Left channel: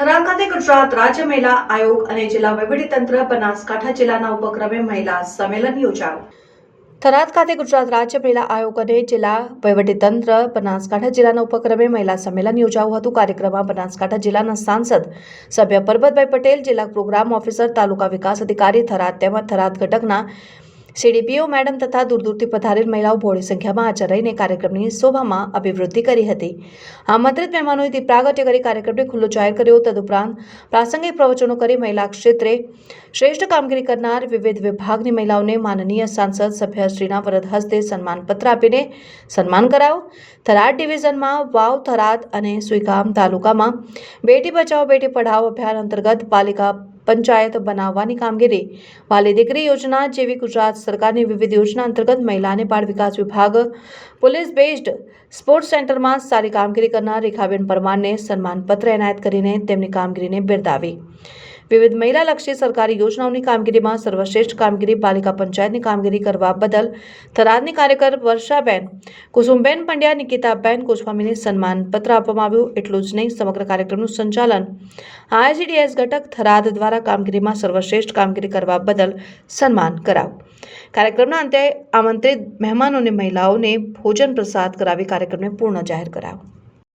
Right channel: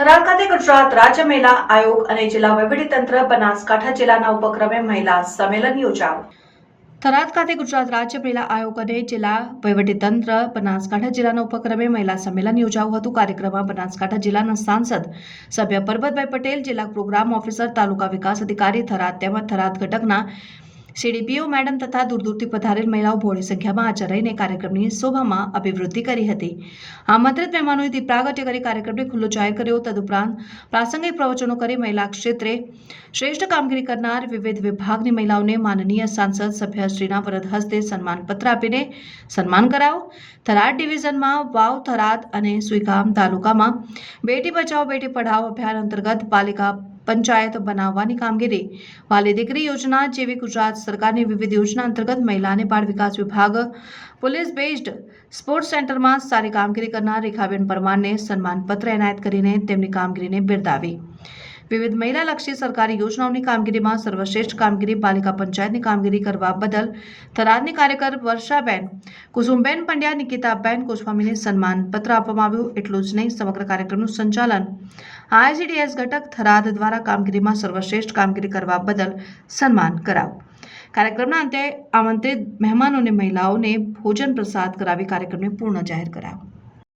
થરાદ ખાતે ગુજરાત રાજ્ય મહિલા આયોગ અને જિલ્લા વહીવટીતંત્ર બનાસકાંઠા જિલ્લાના ઉપક્રમે મહિલા સંમેલન યોજાયું. થરાદ ખાતે ગુજરાત રાજ્ય મહિલા આયોગ અને જિલ્લા વહીવટીતંત્ર બનાસકાંઠા જિલ્લાના ઉપક્રમે મહિલા સંમેલન યોજાયું હતું. કાર્યક્રમમાં બનાસકાંઠા જિલ્લાના સાંસદ સભ્ય પરબતભાઈ પટેલ, જિલ્લા પ્રોગ્રામ ઓફિસર, તાલુકા વિકાસ અધિકારી થરાદ તેમજ થરાદ ઘટકના સીડીપીઓ મેડમ તથા દૂર-દૂરથી પધારેલ મહિલાઓ બહોળી સંખ્યામાં હાજર રહીને કાર્યક્રમની શોભામાં અભિવૃદ્ધિ કરી હતી. આમંત્રિત મહેમાનોએ દીપ પ્રાગટ્ય કરી કાર્યક્રમને ખુલ્લો જાહેર કર્યો. તદુપરાંત પ્રાસંગિક પ્રવચનો કરી મહિલા ક્ષેત્રે શ્રેષ્ઠ કામગીરી કરનાર વિવિધ વિભાગની મહિલાઓને માનનીય સાંસદ સભ્યશ્રીના વરદ હસ્તે સન્માનપત્ર આપીને સન્માન કરાયું. થરાદ ડિવિઝનમાં વાવ, થરાદ અને સુઈગામ તાલુકામાં બેટી બચાવો બેટી પઢાઓ અભિયાન અંતર્ગત પાલિકા પંચાયત બનાવવાની કામગીરી, વાલી દીકરી યોજના જેવી ગુજરાત સરકારની વિવિધ યોજના અંતર્ગત મહિલા અને બાળ વિકાસ વિભાગ, પોલીસ બેઝડ સ્પોર્ટ્સ સેન્ટરમાં સારી કામગીરી કરનાર રેખાબેન પરમારને સન્માનપત્ર એનાયત કરીને તેમની કામગીરીને બિરદાવી. વિવિધ મહિલાલક્ષી સરકારી યોજનાઓની કામગીરીમાં સર્વશ્રેષ્ઠ કામગીરી પાલિકા પંચાયતની કામગીરી કરવા બદલ થરાદની કાર્યકર વર્ષાબેન, કુસુમબેન પંડ્યા, નિકિતાબેન ગોસ્વામીને સન્માનપત્ર આપવામાં આવ્યું. એટલું જ નહીં, સમગ્ર કાર્યક્રમનું સંચાલન આઈસીડીએસ ઘટક થરાદ દ્વારા કામગીરીમાં સર્વશ્રેષ્ઠ કામગીરી કરવા બદલ સન્માન કરાયું. કાર્યક્રમના અંતે આમંત્રિત મહેમાનોને મહિલાઓને ભોજન પ્રસાદ કરાવી કાર્યક્રમને પૂર્ણ જાહેર કરાયો.